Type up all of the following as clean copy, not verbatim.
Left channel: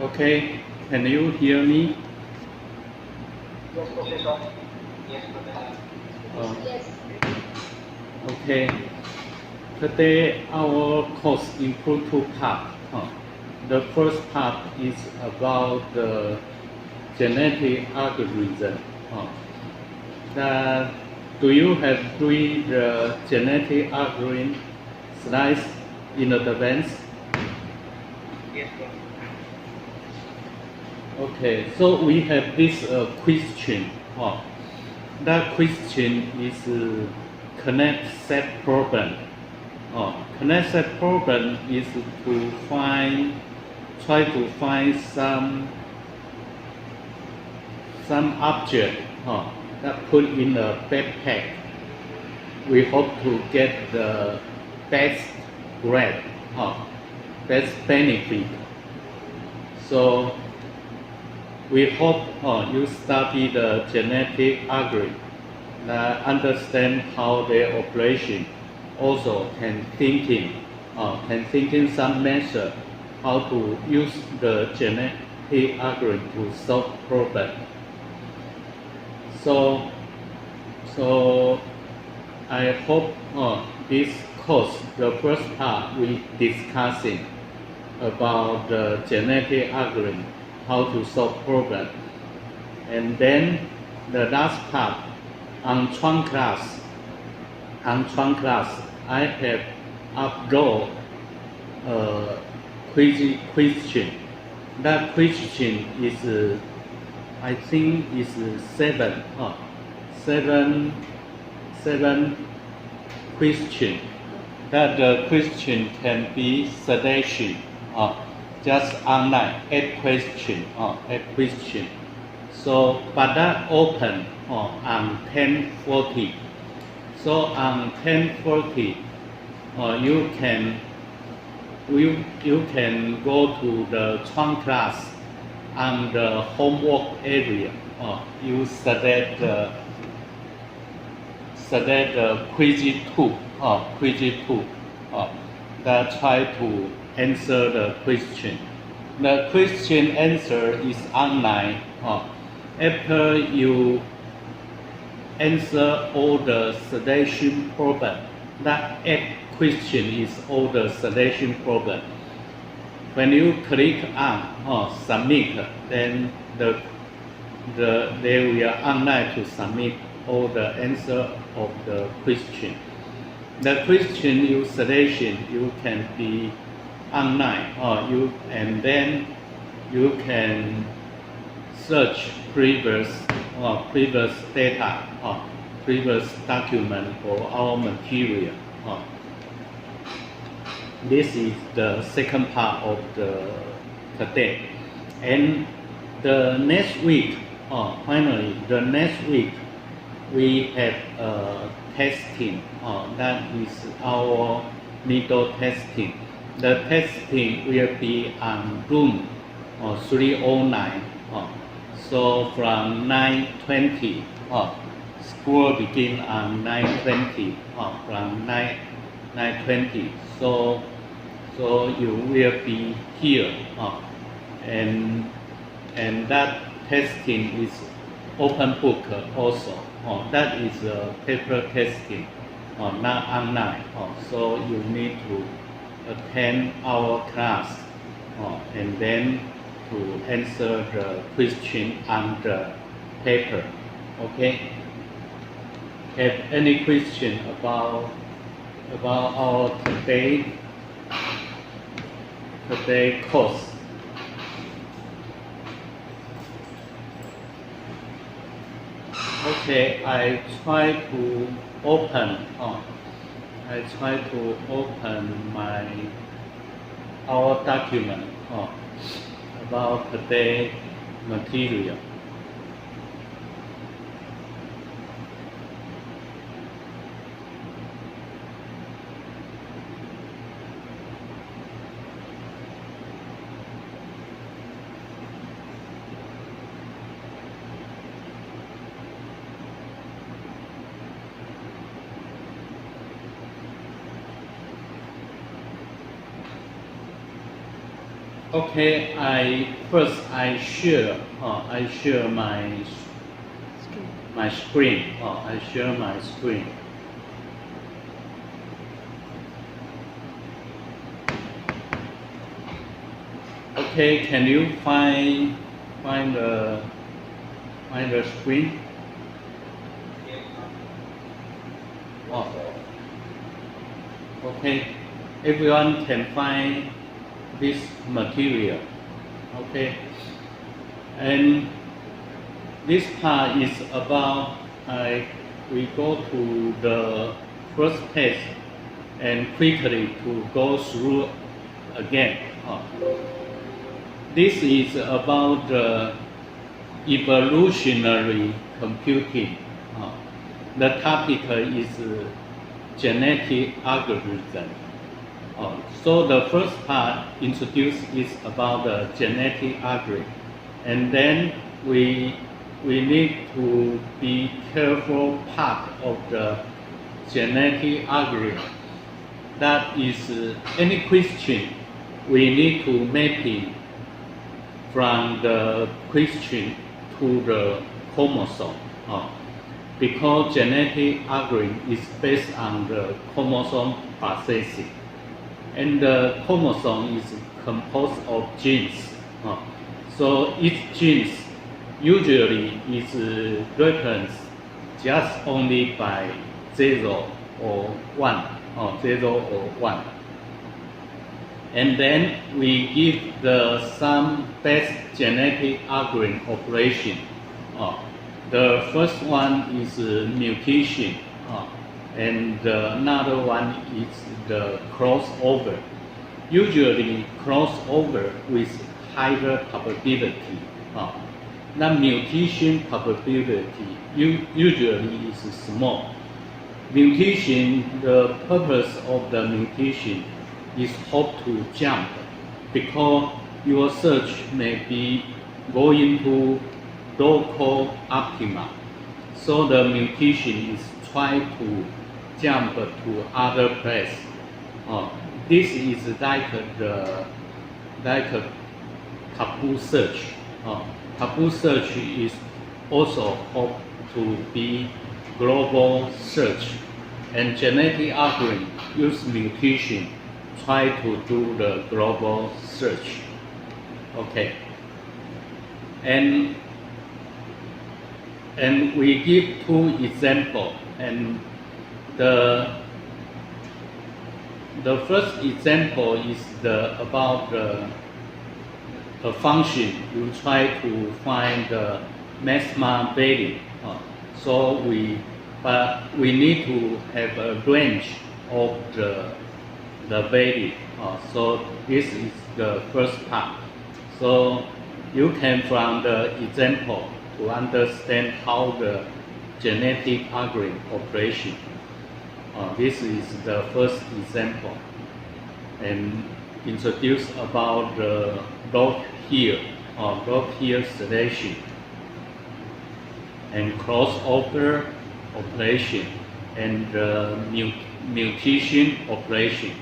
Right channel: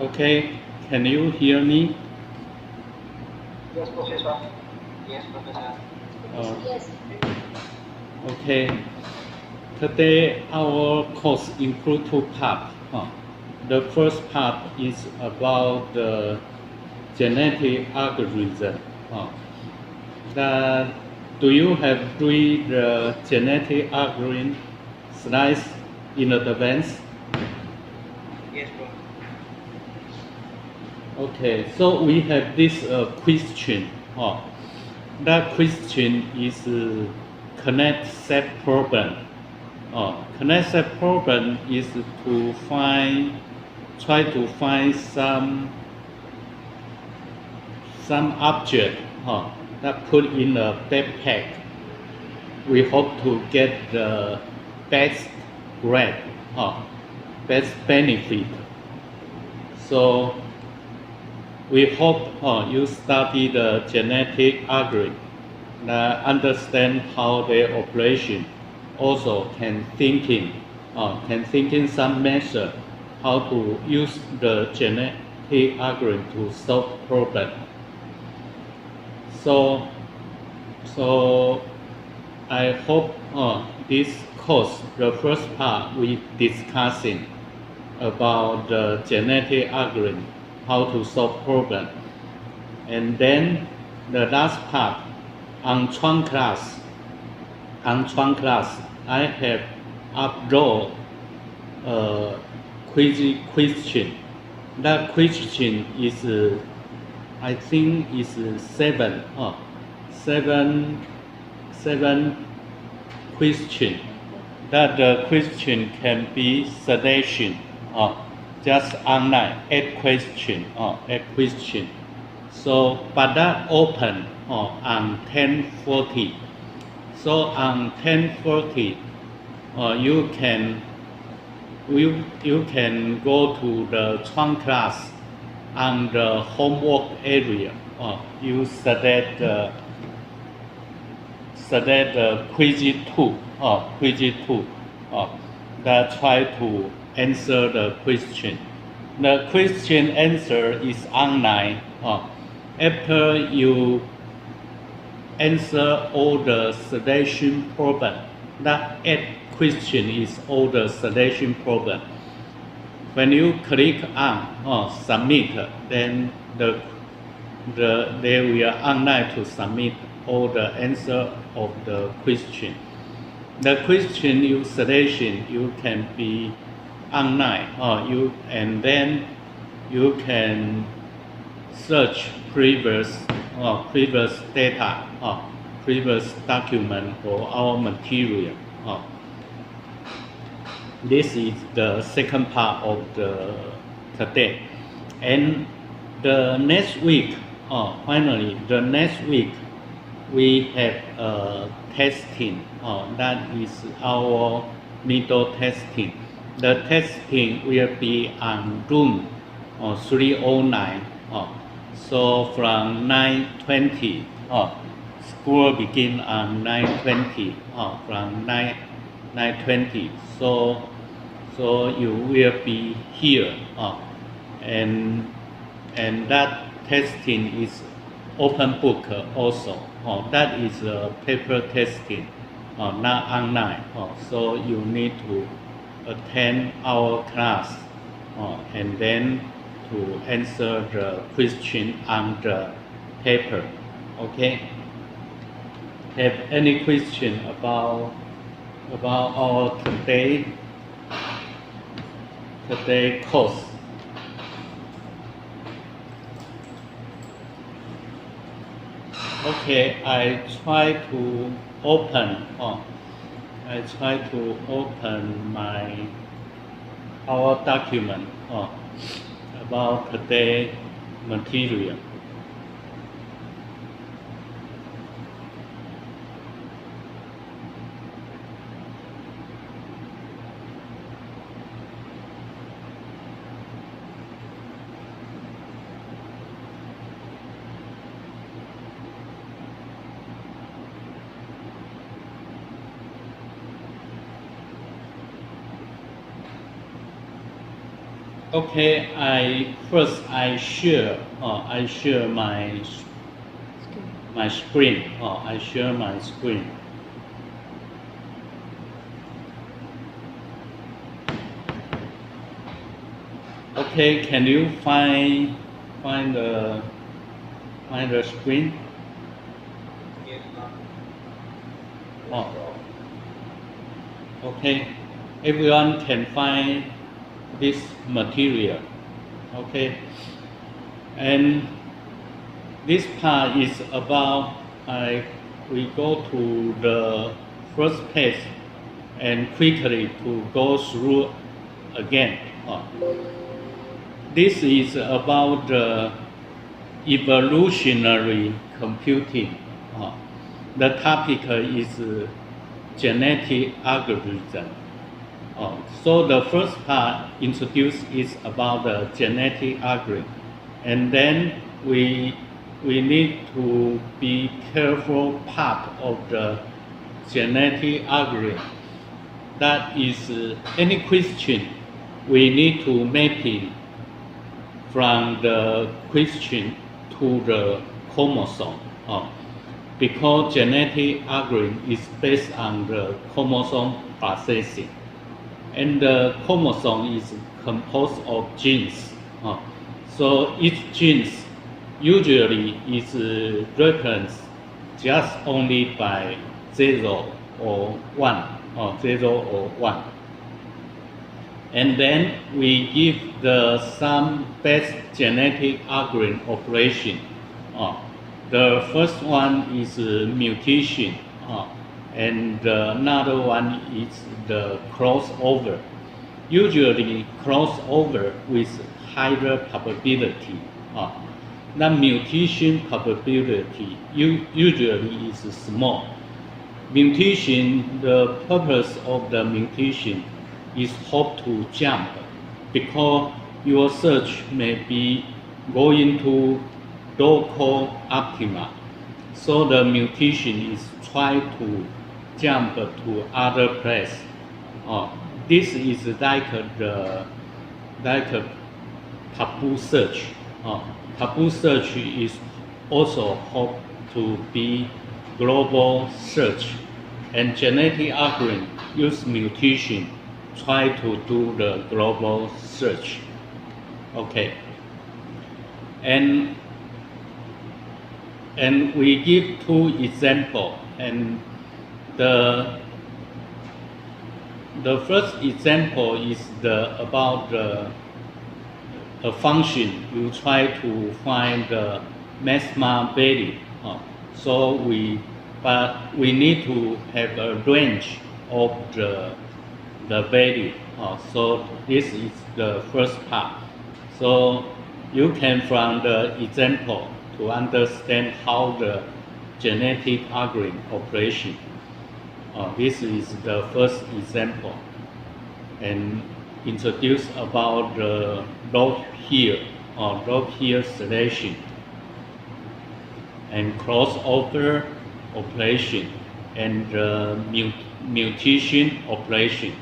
Okay, can you hear me? Yes, Professor. Yes, Professor. Yes. Okay. Today our course include two parts. The first part is about the genetic algorithm. That, do you have read the genetic algorithm slides in advance? Yes, Prof. Okay, so we have this question. That question is connect set problem. Connect set problem is to try to find some object that put in a backpack. We hope to get the best grade, best benefit. So we hope you study the genetic algorithm, understand how their operation, also can thinking some method how to use the genetic algorithm to solve problem. So I hope this course, the first part, we discussing about the genetic algorithm, how to solve problem. And then the last part, on Chuang class, I have upload a question. That question is, I think is seven question. That the question can be selection, just online, 8 question. So, but that open on 10:40. So on 10:40, you can go to the Chuang class on the homework area. You select quiz 2, that try to answer the question. The question answer is online. After you answer all the selection problem, that 8 question is all the selection problem. When you click on submit, then they will online to submit all the answer of the question. The question you selection, you can be online, and then you can search previous data, previous document for our material. This is the second part of the today, and the next week, finally the next week we have testing. That is our middle testing. The testing will be on room 309. So from 9:20, school begin on 9:20. From 9:20. So you will be here, and that testing is open book also. That is a paper testing, not online. So you need to attend our class, and then to answer the question on the paper. Okay? Have any question about our today course? Okay, I try to open our document about today material. Okay, I share my screen. I share my screen. Okay, can you find the screen? Yes, sir. Oh, okay. Everyone can find this material. Okay, and this part is about we go to the first page and quickly to go through again. This is about the evolutionary computing. The topic is genetic algorithm. So the first part introduced is about the genetic algorithm, and then we need to be careful part of the genetic algorithm. That is any question we need to map it from the question to the chromosome. Because genetic algorithm is based on the chromosome processing. And the chromosome is composed of genes. So each gene usually is referenced just only by 0 or 1, 0 or 1. And then we give some best genetic algorithm operation. The first one is mutation, and another one is the crossover. Usually crossover with higher probability. The mutation probability usually is small. Mutation, the purpose of the mutation is hope to jump because your search may be going to local optima. So the mutation is try to jump to other place. This is like a taboo search. Taboo search is also hope to be global search, and genetic algorithm use mutation try to do the global search. Okay, and we give two examples, and the first example is about a function. You try to find the maximum value. But we need to have a range of the value. So this is the first part. So you can from the example to understand how the genetic algorithm operation. This is the first example, and introduce about the log here selection and crossover operation and mutation operation.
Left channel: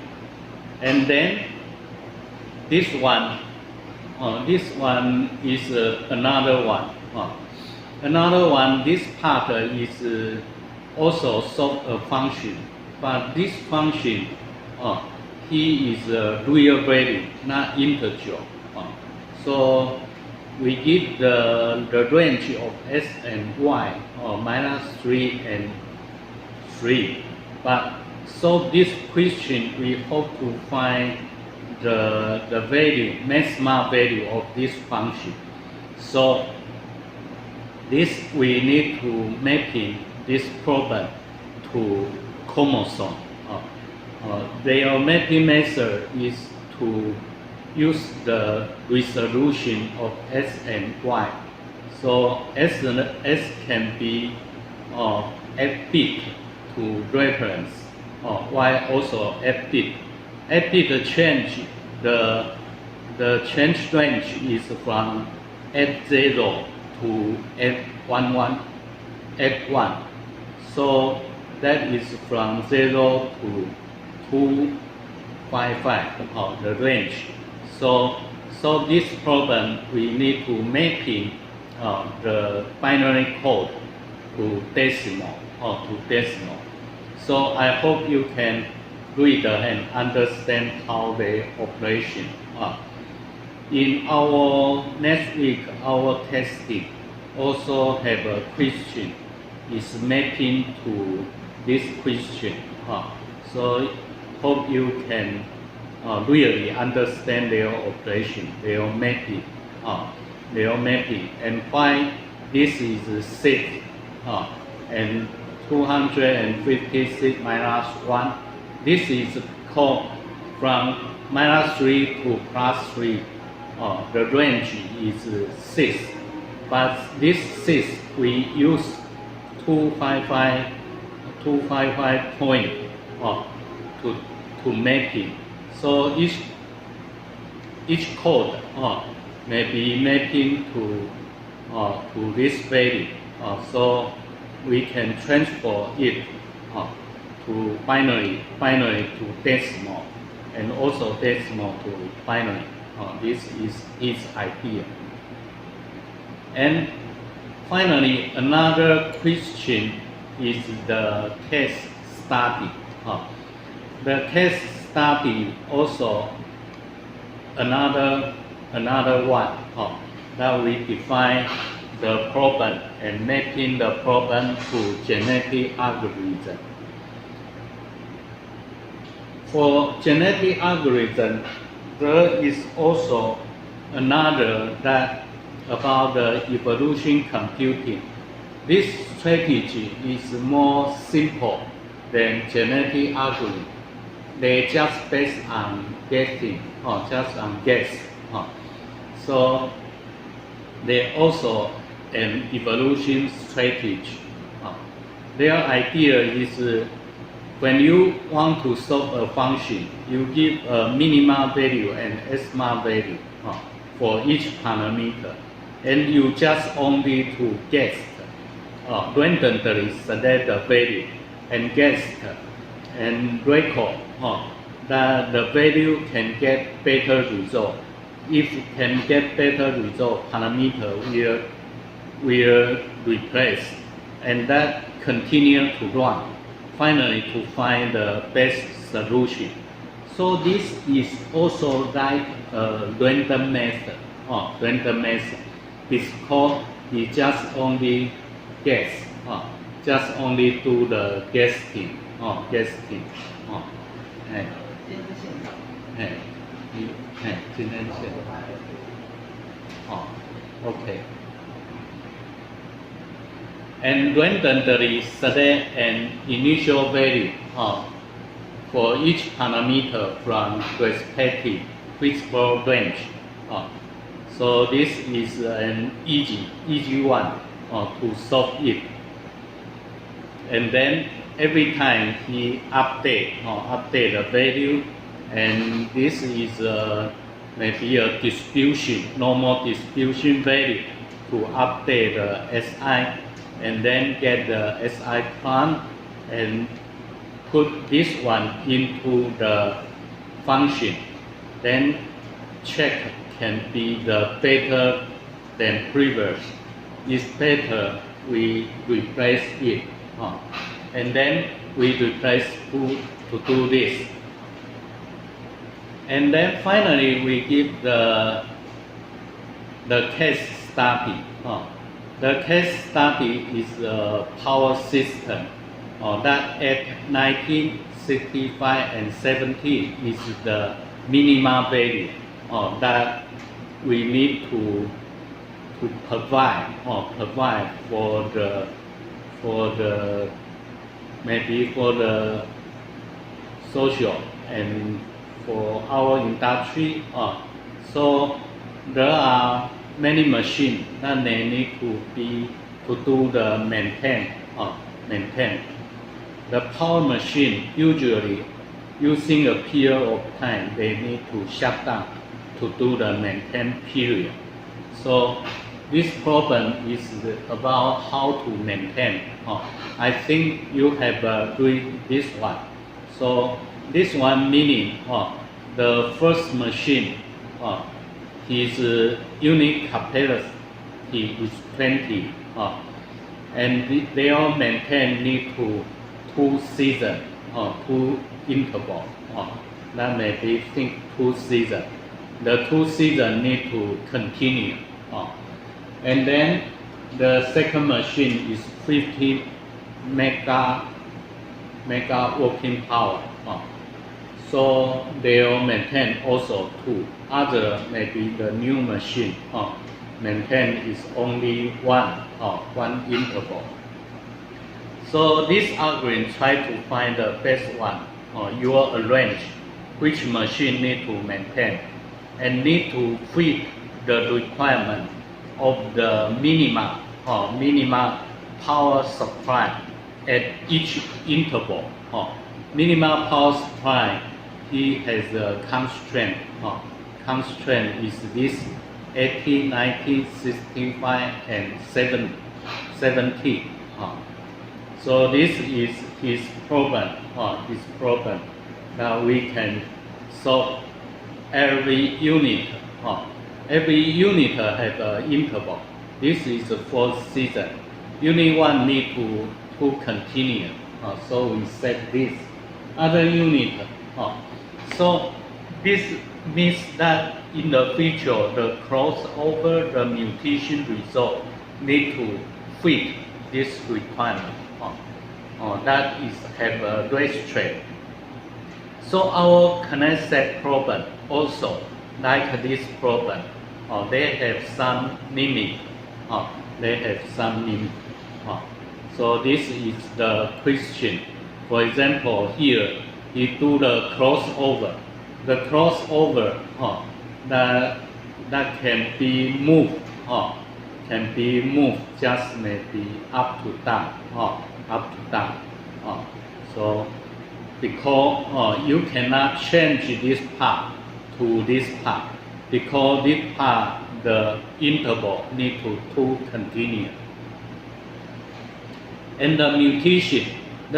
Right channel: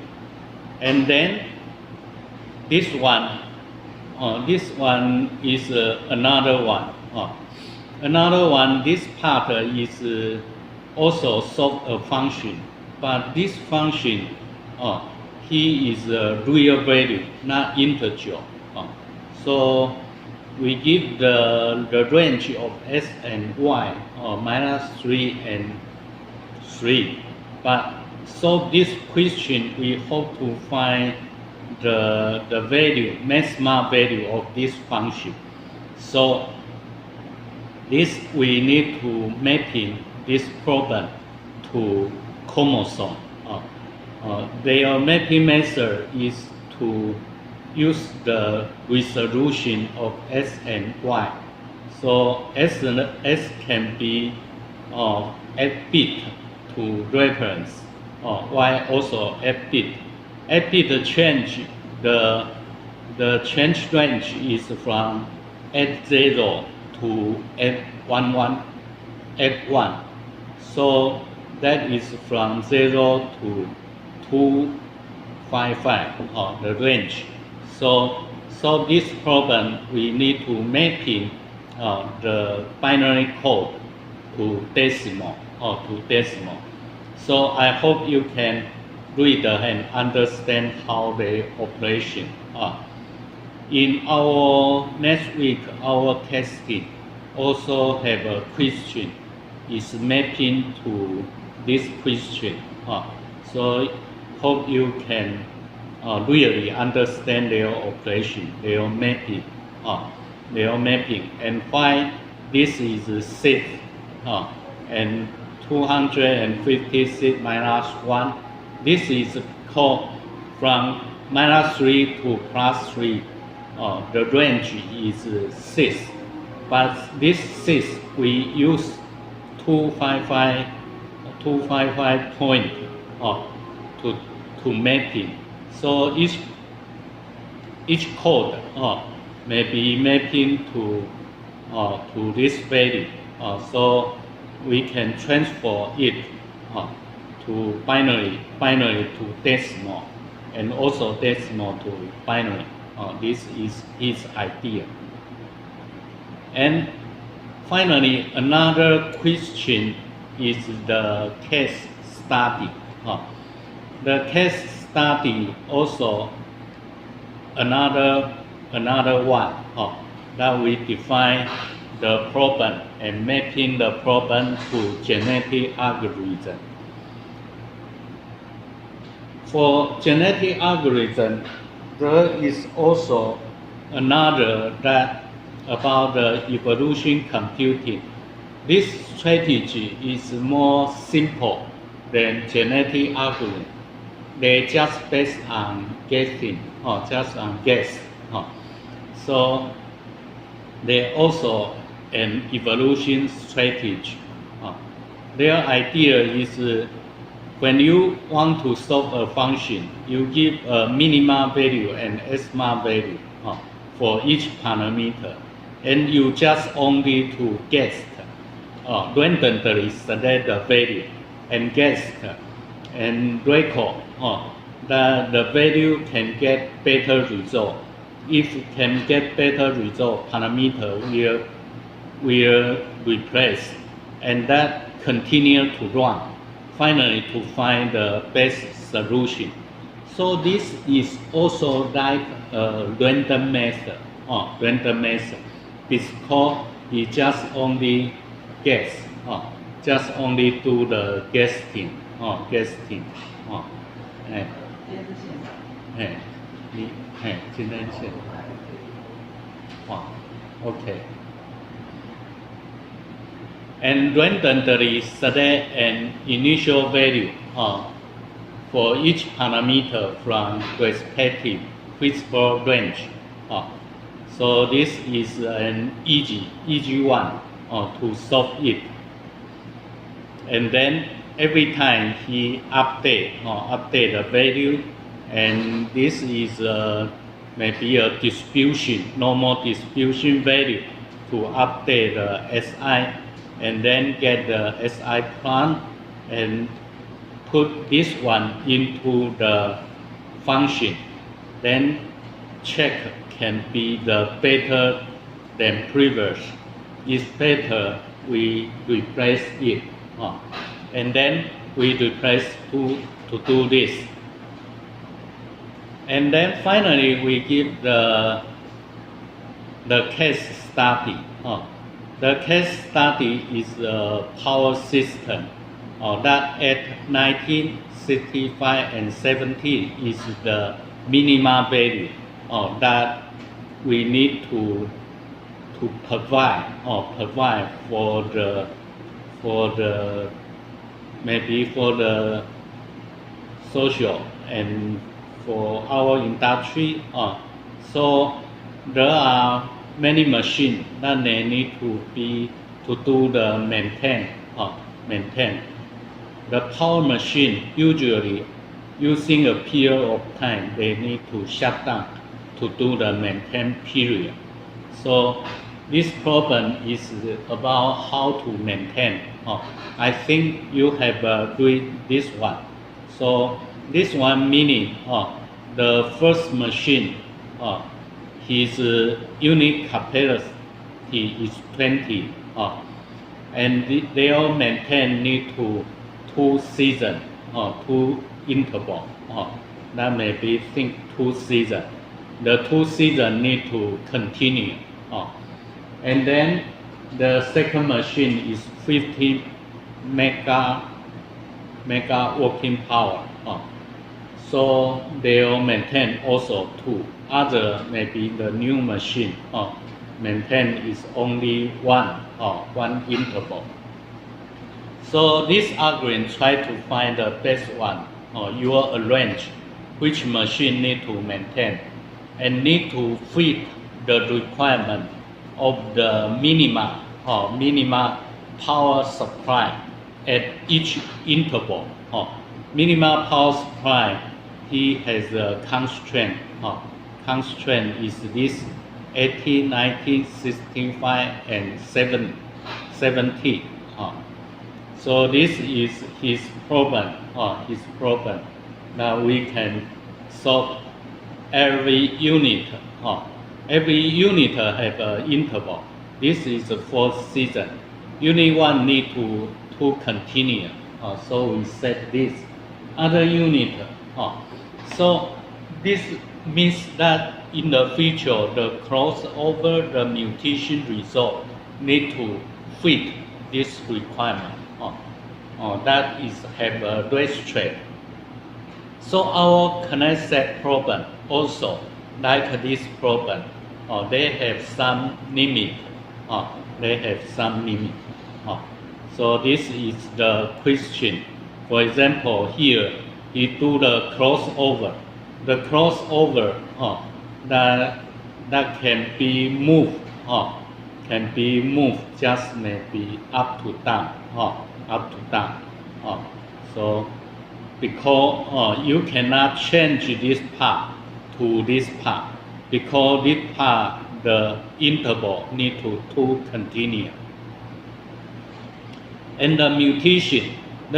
And then this one is another one. Another one, this part is also solve a function, but this function he is a real value, not integer. So we give the range of s and y, -3 and 3. But solve this question, we hope to find the value, maximum value of this function. So this we need to mapping this problem to chromosome. Their mapping method is to use the resolution of S and Y. So S can be F-bit to reference, Y also F-bit. F-bit change, the change range is from F0 to F11, F1. So that is from 0 to 255, the range. So So this problem we need to mapping the binary code to decimal or to decimal. So I hope you can read and understand how the operation are. In our next week, our testing also have a question is mapping to this question. So hope you can really understand their operation, their mapping, and why this is 6 and 256 minus 1. This is called from -3 to +3. The range is 6, but this 6 we use 255 point to make it. So each code may be mapping to this value. So we can transfer it to binary to decimal, and also decimal to binary. This is his idea. And finally, another question is the case study. The case study also another one that we define the problem and mapping the problem to genetic algorithm. For genetic algorithm, there is also another that about the evolution computing. This strategy is more simple than genetic algorithm. They just based on guessing or just on guess. So they also an evolution strategy. Their idea is when you want to solve a function, you give a minima value and maxima value for each parameter, and you just only to guess, randomly select the value and guess and record that the value can get better result. If it can get better result, parameter will replace, and that continue to run, finally to find the best solution. So this is also like a random method, because we just only guess, just only do the guessing. 今天线okay. And randomly select an initial value for each parameter from respective principal range. So this is an easy one to solve it. And then every time he update the value, and this is maybe a distribution, normal distribution value to update the SI, and then get the SI plan and put this one into the function. Then check can be the better than previous. If better, we replace it. And then we replace to do this. And then finally we give the case study. The case study is a power system that at 1965 and 17 is the minimum value that we need to provide for the maybe for the social and for our industry. So there are many machines that they need to do the maintain. The power machine usually using a period of time they need to shut down to do the maintain period. So this problem is about how to maintain. I think you have read this one. So this one meaning the first machine his unit capacity is 20, and they all maintain need to 2 seasons, 2 intervals. That may be think 2 seasons. The 2 seasons need to continue. And then the second machine is 50 mega working power. So they will maintain also 2. Other maybe the new machine maintain is only 1 interval. So this algorithm try to find the best one. You will arrange which machine need to maintain and need to fit the requirement of the minimum power supply at each interval. Minimum power supply, he has a constraint. Constraint is this 80, 90, 65, and 70. So this is his problem. Now we can solve every unit. Every unit have an interval. This is the 4th season. Unit 1 need to continue. So we set this. Other unit. So this means that in the future, the crossover, the mutation result need to fit this requirement. That is have a racetrack. So our connect set problem also like this problem. They have some limit. So this is the question. For example, here he do the crossover. The crossover that can be moved. Can be moved just maybe up to down. So because you cannot change this part to this part, because this part the interval need to continue. And the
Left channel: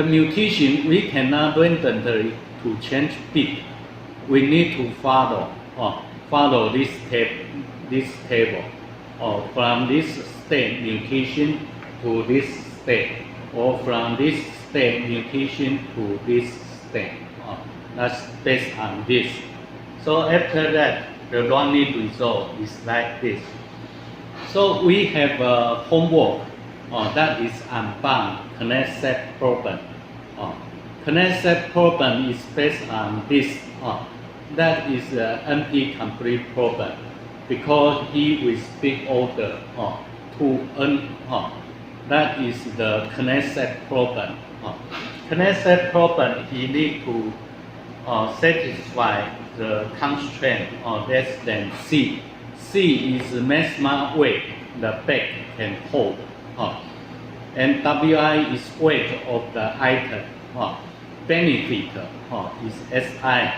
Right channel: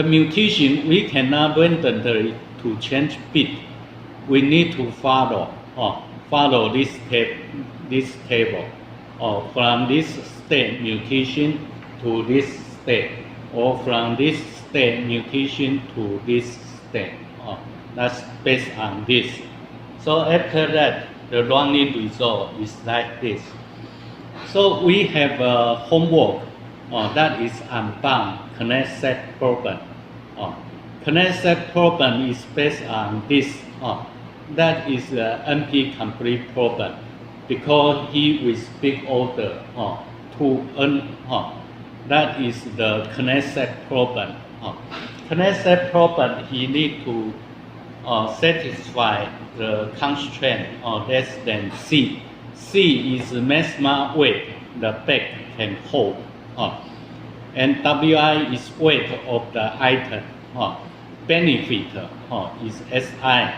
mutation we cannot randomly to change bit. We need to follow this table, from this state mutation to this state, or from this state mutation to this state. That's based on this. So after that, the running result is like this. So we have a homework that is unbound connect set problem. Connect set problem is based on this. That is the NP complete problem because he will speak order to N. That is the connect set problem. Connect set problem, he need to satisfy the constraint less than C. C is the maximum weight the bag can hold. And WI is weight of the item. Benefit is SI,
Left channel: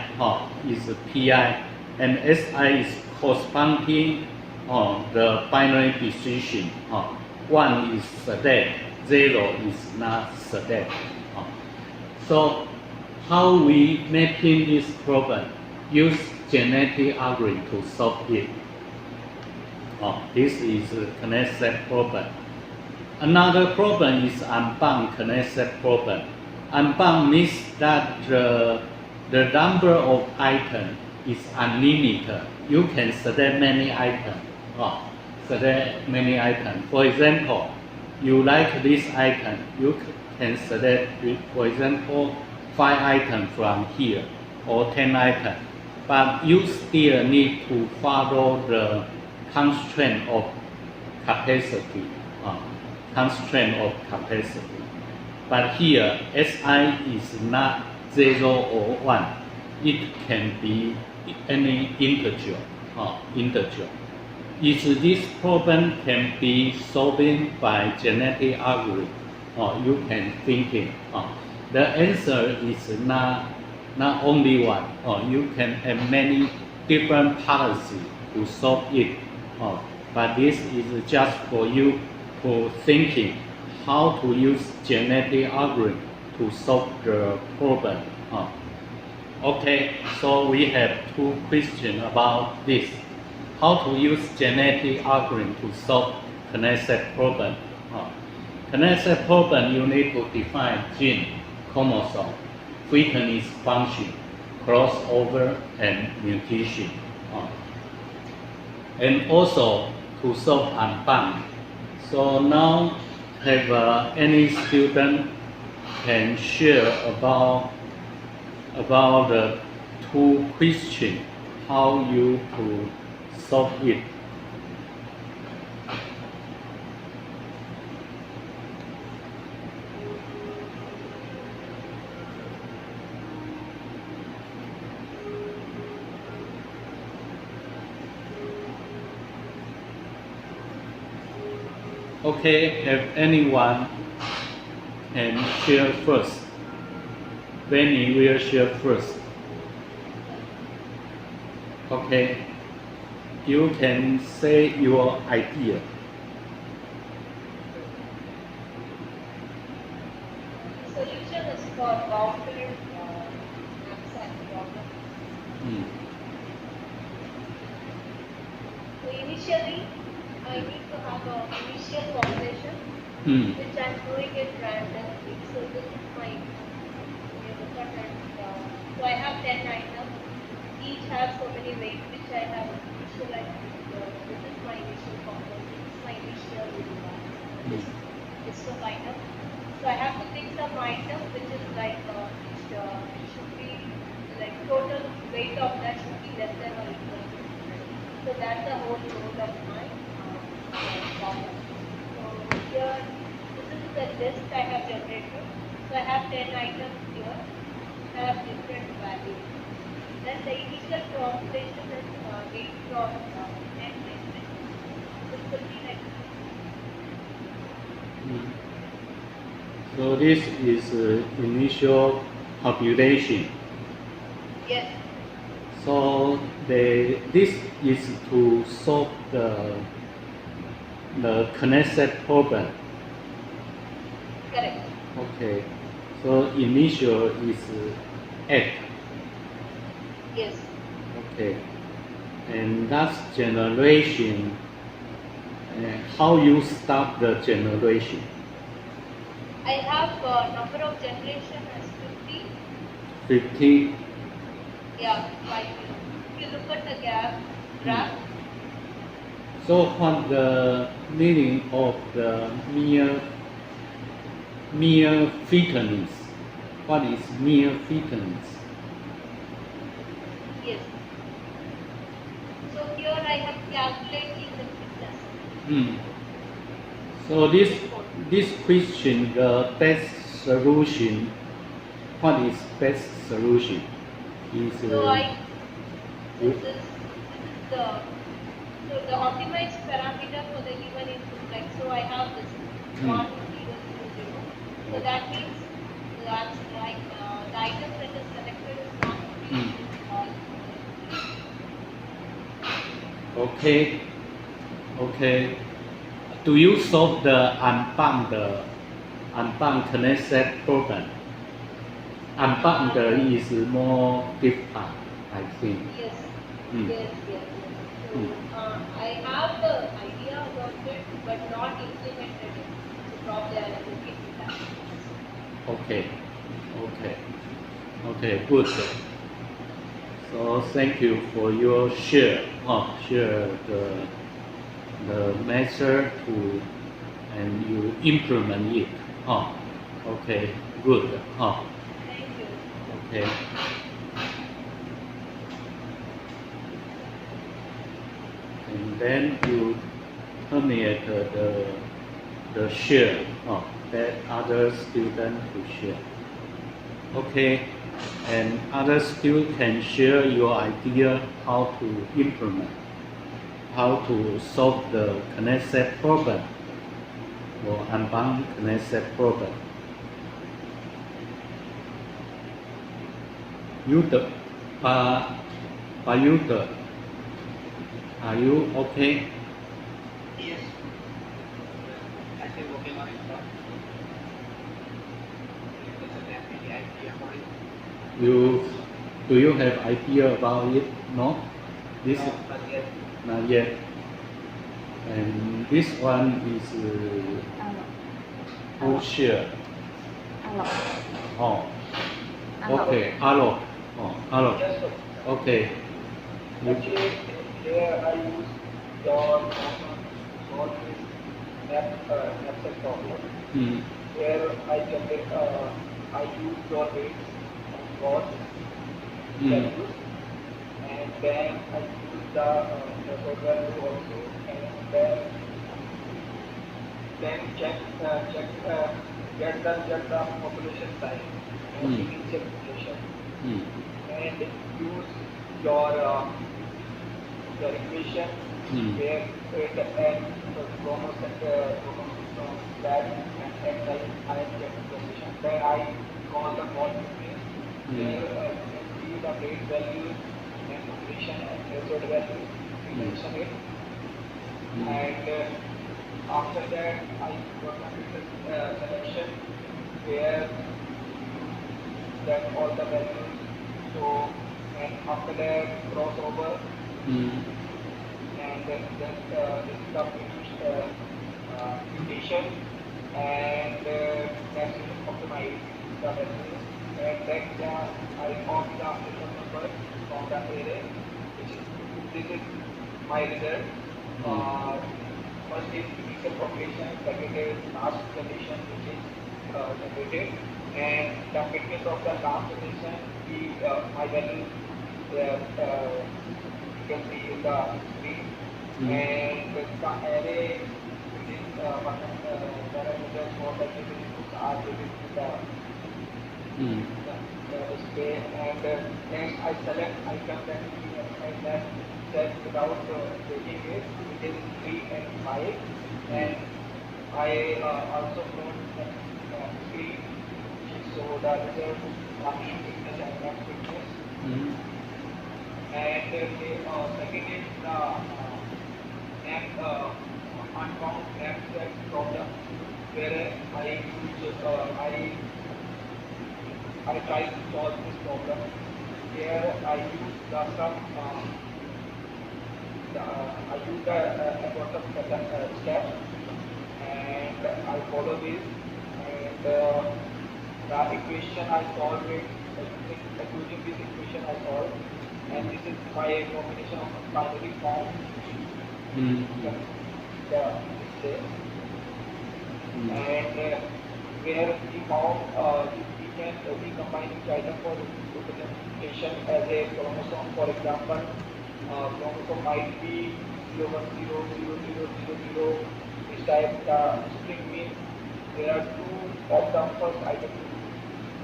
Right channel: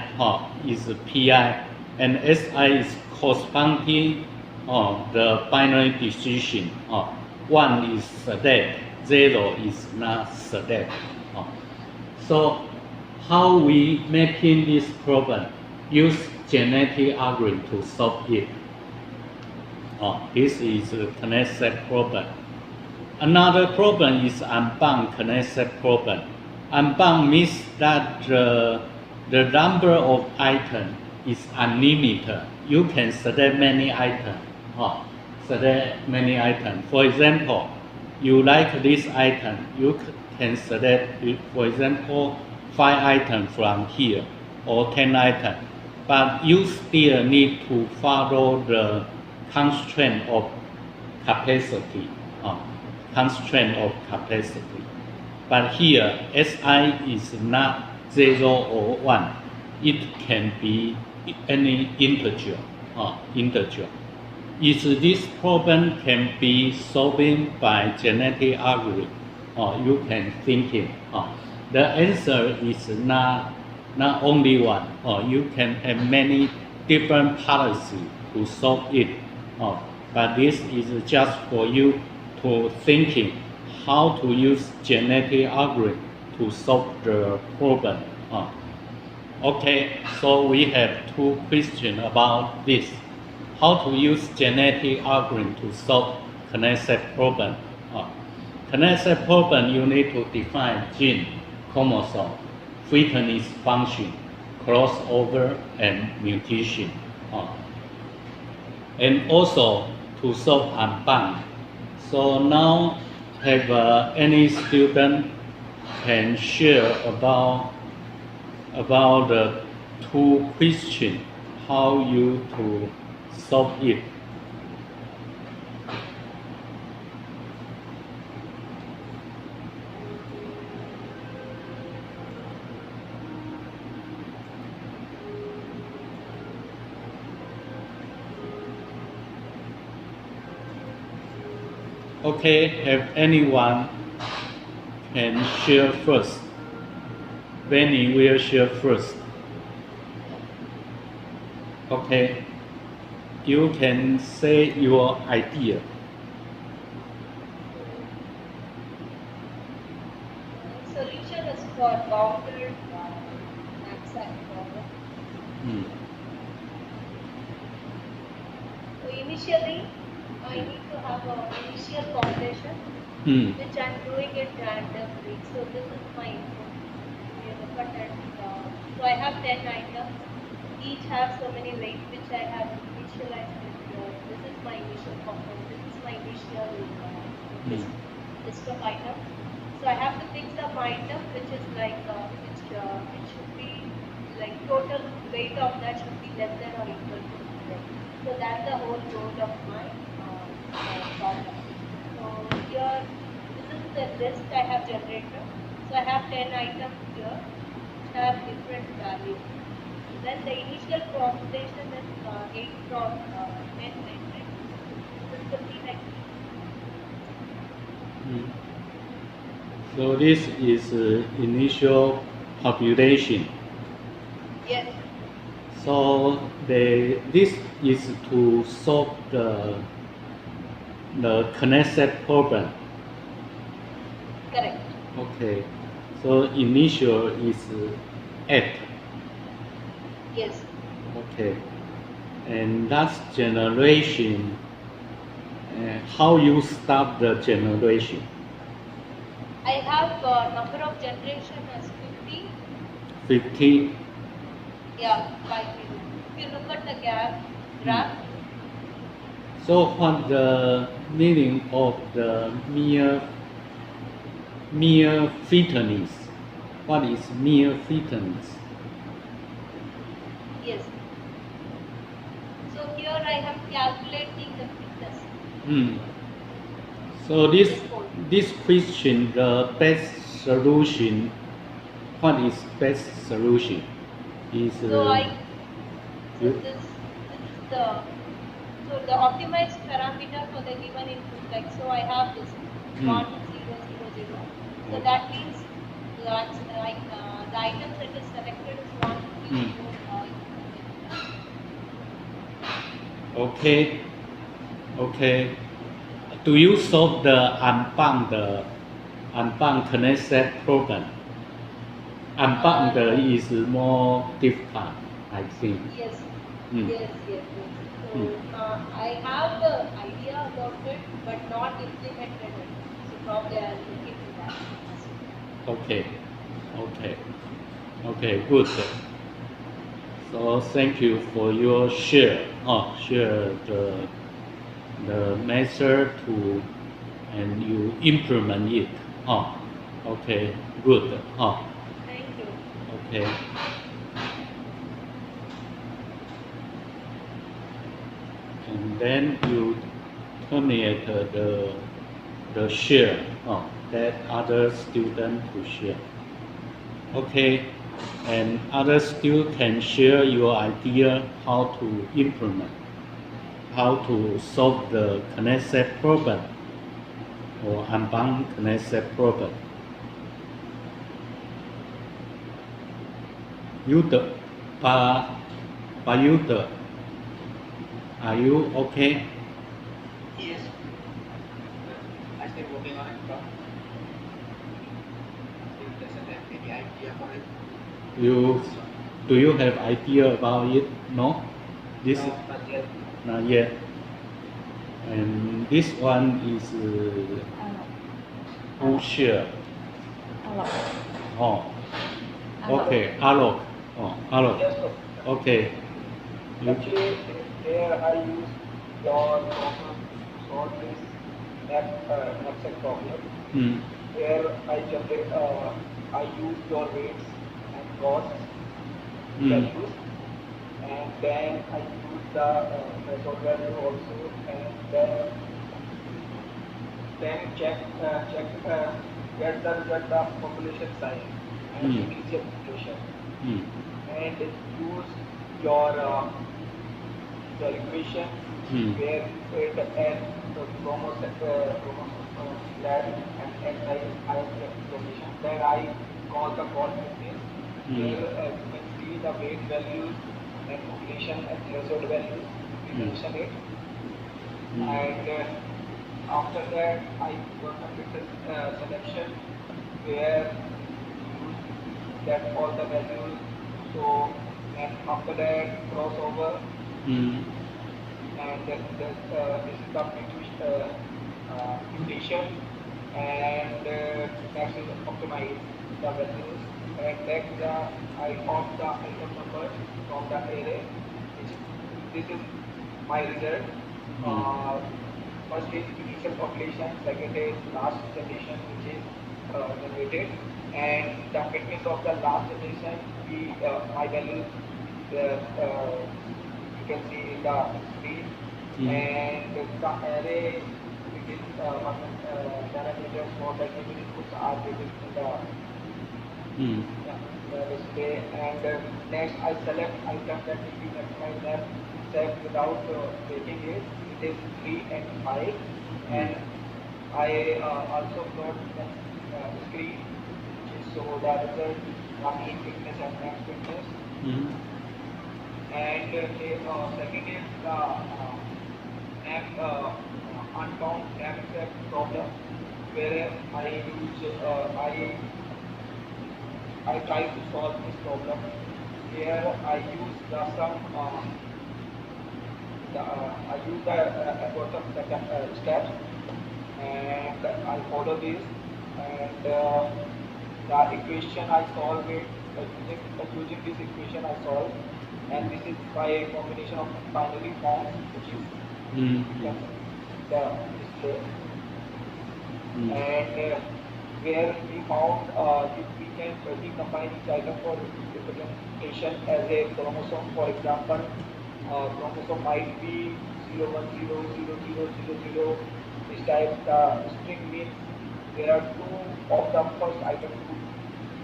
is PI, and SI is corresponding the binary decision. 1 is select, 0 is not select. So how we making this problem? Use genetic algorithm to solve it. This is a connect set problem. Another problem is unbound connect set problem. Unbound means that the number of items is unlimited. You can select many items. For example, you like this item, you can select, for example, 5 items from here or 10 items. But you still need to follow the constraint of capacity. But here, SI is not 0 or 1. It can be any integer. If this problem can be solved by genetic algorithm, you can think it. The answer is not only one. You can have many different policies to solve it. But this is just for you to thinking how to use genetic algorithm to solve the problem. Okay, so we have 2 questions about this. how to use genetic algorithm to solve Knesset problem. Knesset problem, you need to define gene, chromosome, fitness function, crossover, and mutation. And also to solve Hanbang. So now, have any student can share about the two questions, how you to solve it. Okay, have anyone can share first? Benny will share first. Okay, you can say your idea. Solution is for longer abstract problem. Hmm. So initially, I need to have an initial population, Hmm. which I'm doing it randomly. So this is my so I have 10 items. Each have so many weights, which I have an initial item. This is my initial population. This is my initial list of items. So I have to pick some item which is like which it should be like total weight of that should be less than or equal to 100. So that's the whole role of my problem. So here this is the list I have generated. So I have 10 items here which have different values. Then the initial population is 8 from 10 matrix. This will be like So this is initial population. yes. So this is to solve the Knesset problem. Correct. Okay. So initial is 8. Yes. Okay. And that's generation. How you start the generation? I have number of generation as 50. 50. Yeah, 5. If you look at the graph, So what the meaning of the mere fitness? What is mere fitness? yes. So here I am calculating the fitness. So this question, the best solution, what is best solution? Is So this is the optimized parameter for the given input. Like so, I have this 1 0 0 0. So that means that's right. The item that is selected is 1 3 0 5. Okay. Do you solve the unbound Knesset problem? Unbound is more difficult, I think. Yes. Mm. Yes. So I have the idea about it, but not implemented it. So probably I will look into that. Okay, good. So thank you for your share the method to and you implement it. Okay, good. Thank you. Okay. And then you terminate the share. That other student to share. Okay, and other student can share your idea how to implement, how to solve the Knesset problem or unbound Knesset problem. Yuta, Yuta, are you okay? Yes. I still working on it, Prof. If doesn't have any idea for it. Do you have idea about it? No? This No, not yet. Not yet. And this one is bullshit. Oh. Okay, alloc. Oh, alloc. Yes, sir. Okay. You, Actually, here I use your solve this Excel problem. mm, Where I generate, I use your rates and costs values, and then I use the total value also, and then check get the result of population size and initial mutation, mm, and use your equation where it and chromosome lab and excitation. Then I call the call fitness. Where you can see the weight values and population and threshold values. We mention it. And after that, I gonna fix a selection where that all the values. So, and after that crossover, and then this is the mutation, and next is optimize the values, and next I copy the item number from the array, which is this is my result. First is initial population, second is last condition which is generated, and the fitness of the last condition, my value you can see in the screen, and the array which is parameters for the given inputs are given in the display, and next I select item that will be maximized left set without taking it. It is 3 and 5, and I also plot the screen which show the result of mean fitness and max fitness. And second is the uncount abstract problem, where I try to solve this problem. Here I use the algorithm setup steps, and I follow this, and the equation I solve it using this equation I solve, and this is by a combination of binary form which is the display, and where we found we can recombine each item for representation as a chromosome. For example, chromosome might be 0100000. This type the string means there are 2 of the first item,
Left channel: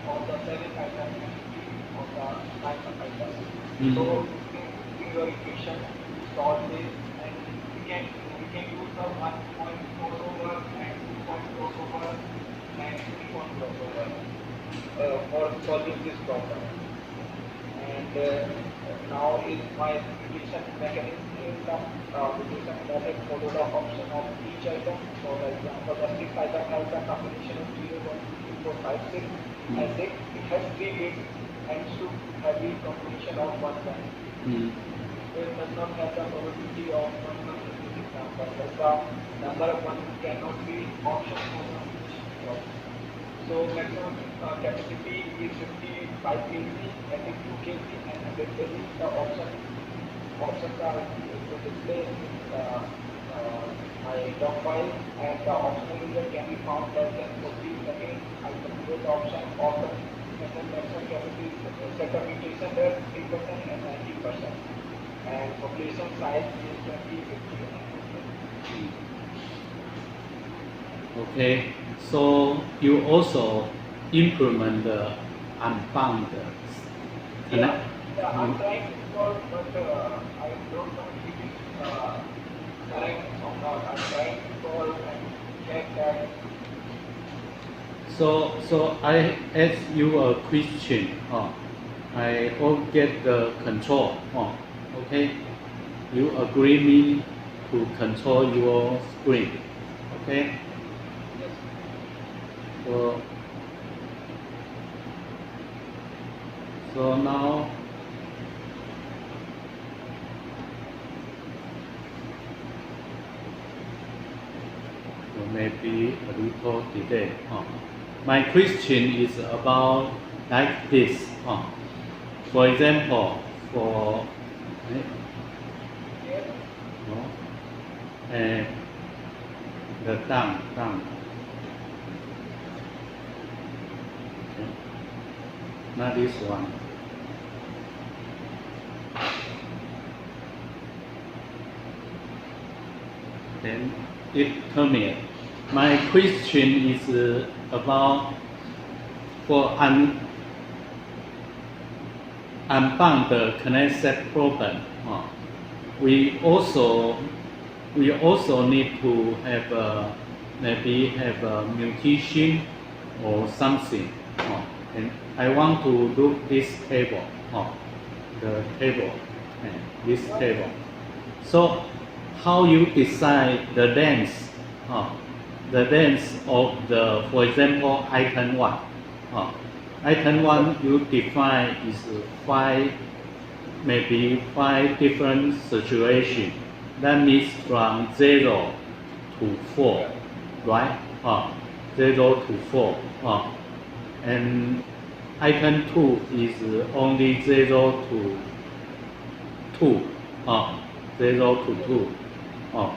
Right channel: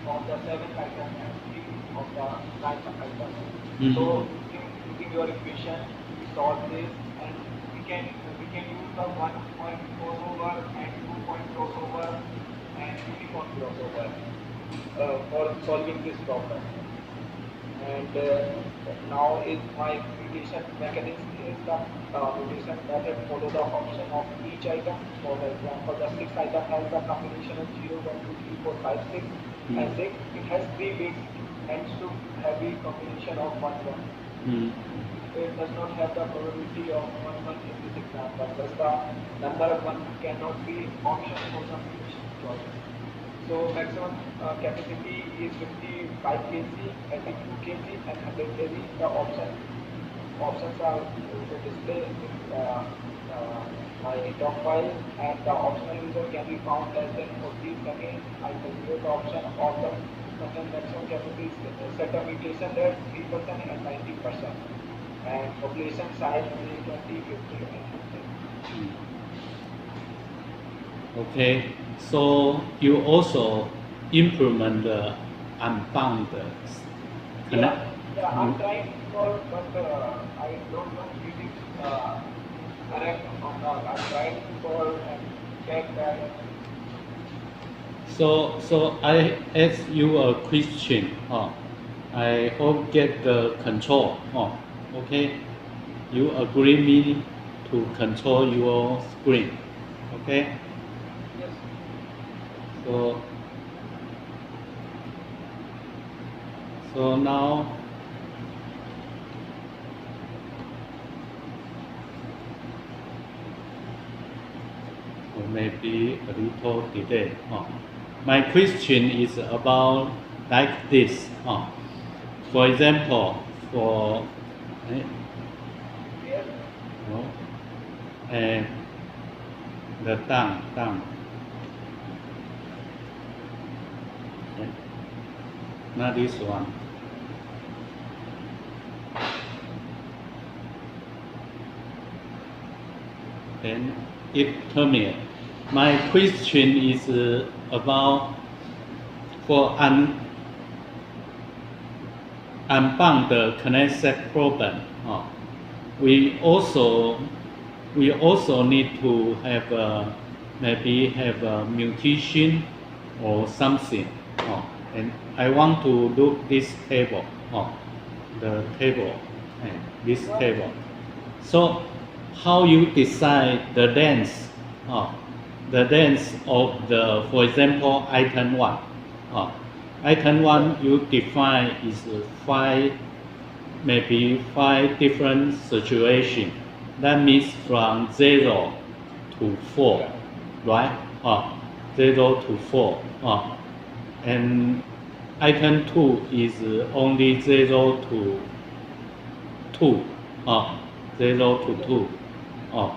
of the 7th item, and 3 of the 9th item. So using your equation, solve this, and we can use the 1 point crossover and 2 point crossover and 3 point crossover for solving this problem. And now is my mutation mechanism is the mutation method follow the option of each item. For example, the 6th item has the combination of 0, 1, 2, 3, 4, 5, 6, and 6. It has 3 bits and should have a combination of 1, 1. It does not have the probability of 1, 1 in this example. Thus the number 1 cannot be option for the mutation problem. So maximum capacity is 55 kg, I think 2 kg and 100 kg. The options are to display my doc file, and the optional result can be found as well. For these again, I can use the option of the maximum capacity set a mutation rate 3% and 90%, and population size is 20, 50 and 100. Okay, so you also implement the unbounded. Yeah, I'm trying to solve, but I don't know if it is correct or not. I'm trying to solve and check that. So I ask you a question. I will get the control. Okay, you agree me to control your screen. Okay. Yes. So now maybe a little delay. My question is about like this. For example, for no, and the tongue. Not this one. Then it terminates. My question is about for unbound connected problem. We also need to have maybe have a mutation or something. And I want to look this table. The table, this table. So how you decide the length of the, for example, item 1. Item 1 you define is maybe 5 different situations. That means from 0 to 4, right? 0 to 4. And item 2 is only 0 to 2. 0 to 2.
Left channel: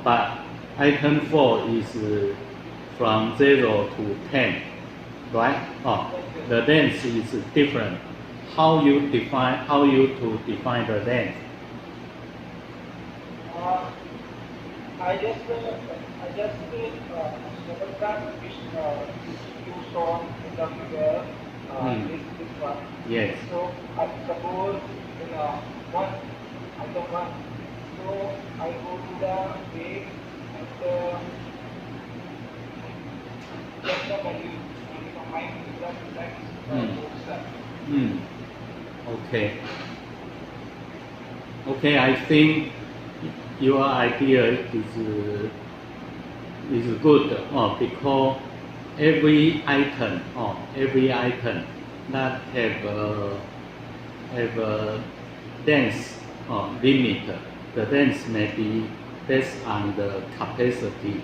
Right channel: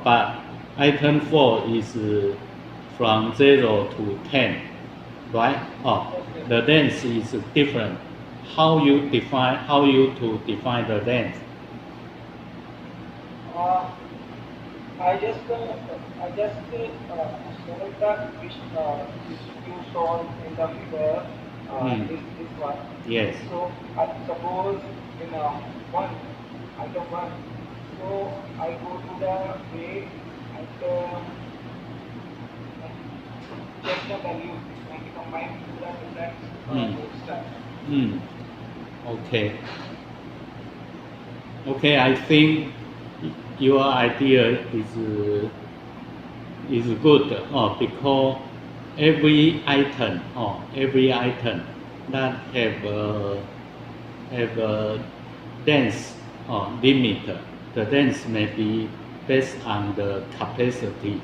But item 4 is from 0 to 10, right? The length is different. How you to define the length? I just photograph which you saw in the figure. This one. Yes. So I suppose in one item 1. So I go to the page and check the value and combine with the text. Okay. Okay, I think your idea is good because every item that have a dense limit. The length may be based on the capacity,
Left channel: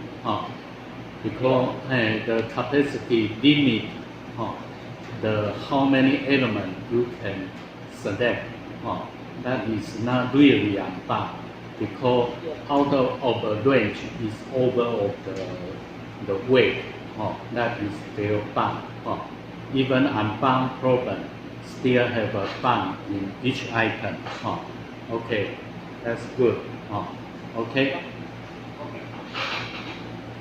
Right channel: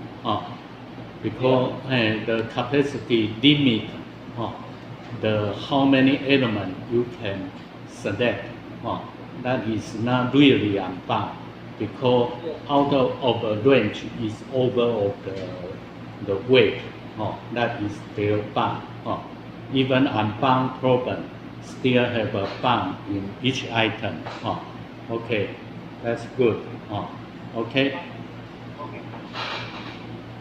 because the capacity limit the how many elements you can select. That is not really unbound because out of the range is over of the weight. That is still bound. Even unbound problem still have a bound in each item. Okay. That's good. Okay.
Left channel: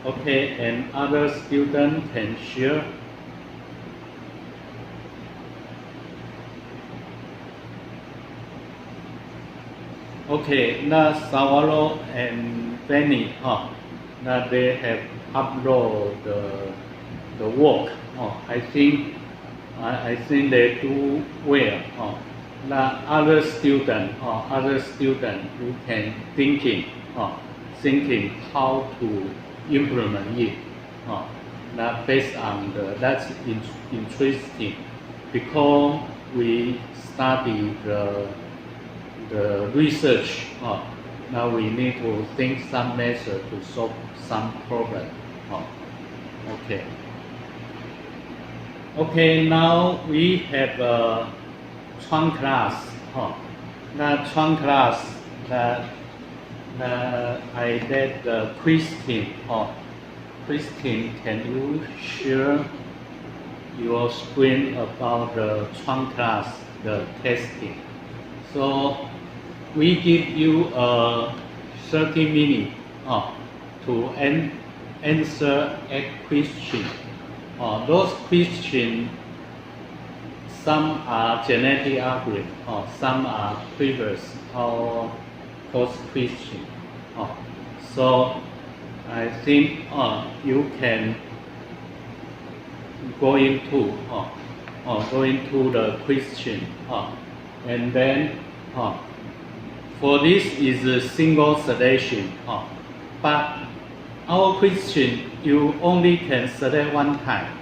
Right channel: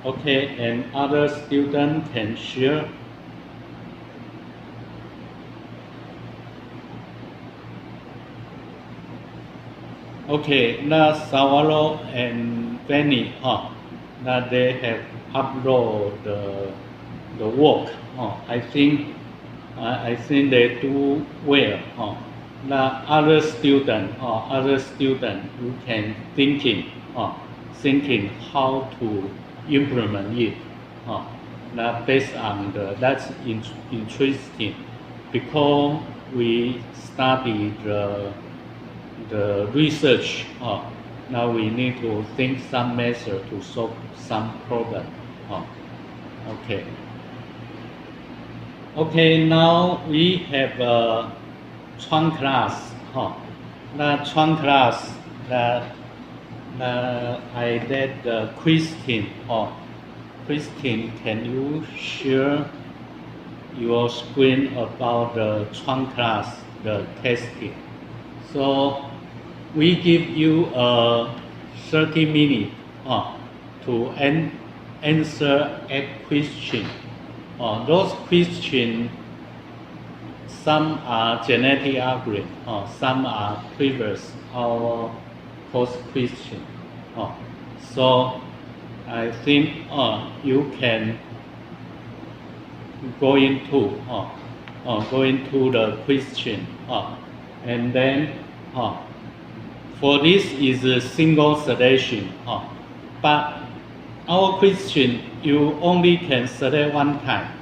Okay, and other student can share. Okay, now Sawalo and Benny, now they have uploaded the work. I think they do well. Now other student who can thinking how to implement it. Now based on that's interesting because we study the research. Now we need to think some method to solve some problem. Okay. Okay, now we have Chuan class. Now Chuan class that I did the Christine. Christine, can you share your screen about the Chuan class, the testing? So we give you 30 minutes to answer a question. Those questions, some are genetic algorithm, some are previous or post question. So I think you can go into the question, and then for this is a single selection, but our question you only can select one time.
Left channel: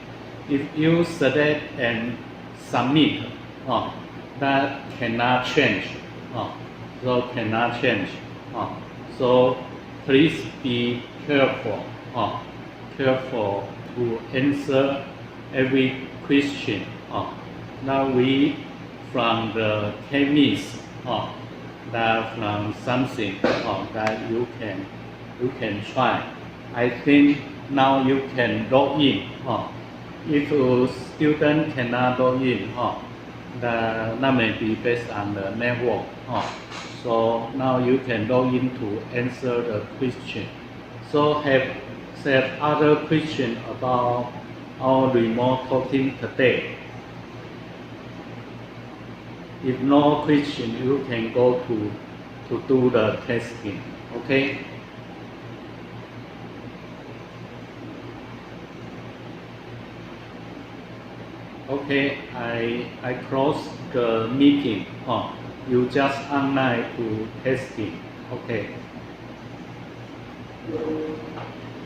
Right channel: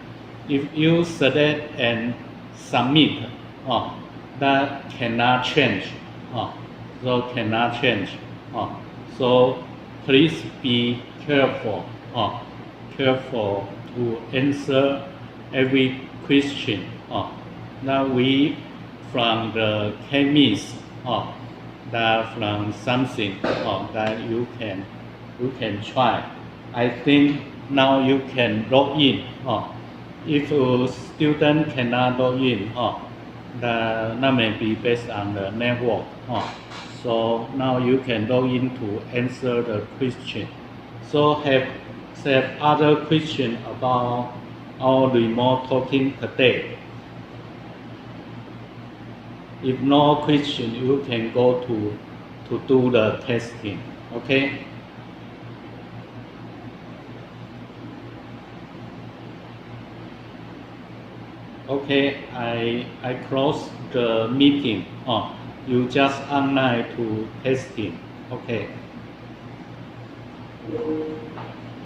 If you select and submit, that cannot change. So cannot change. So please be careful. careful to answer every question. Now we from the chemist that from something that you can try. I think now you can log in. If a student cannot log in, that may be based on the network. So now you can log in to answer the question. So have other question about our remote talking today. If no question, you can go to do the testing. Okay. Okay, I close the meeting. You just online to testing. Okay.